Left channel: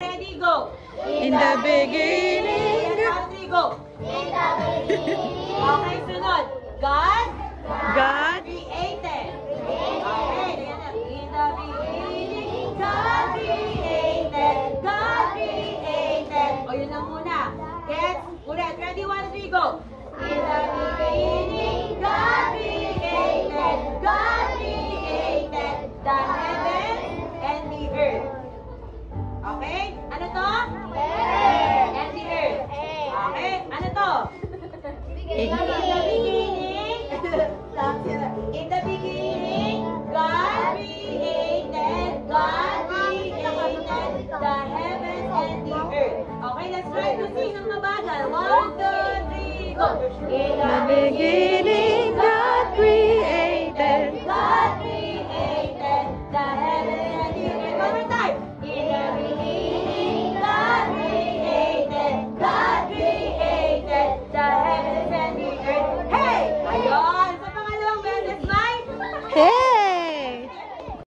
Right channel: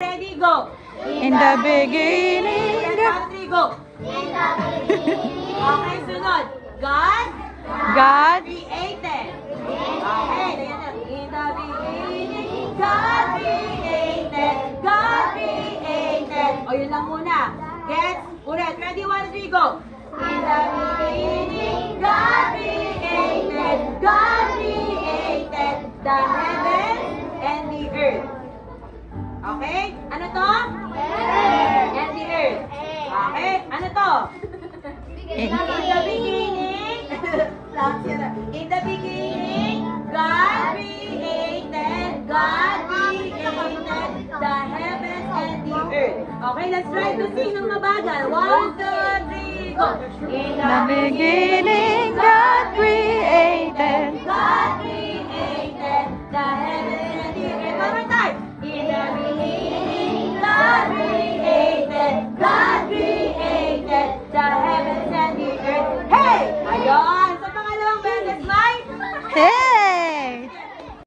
Ready, go. In the beginning, Go. Okay, sunod. God God created. Okay, in the beginning, God created. God created. O, yun lang muna. Get, ulit. Ready, 1, 2, 3, go. In the beginning, God created. God created the heavens and the earth. Okay? Ano to? And the earth. Okay? Ano to? In the beginning, in the beginning, God created the heavens and the earth. Okay, let's try to sing ng mabagal. 1, 2, 3, go. In the beginning, God created the heavens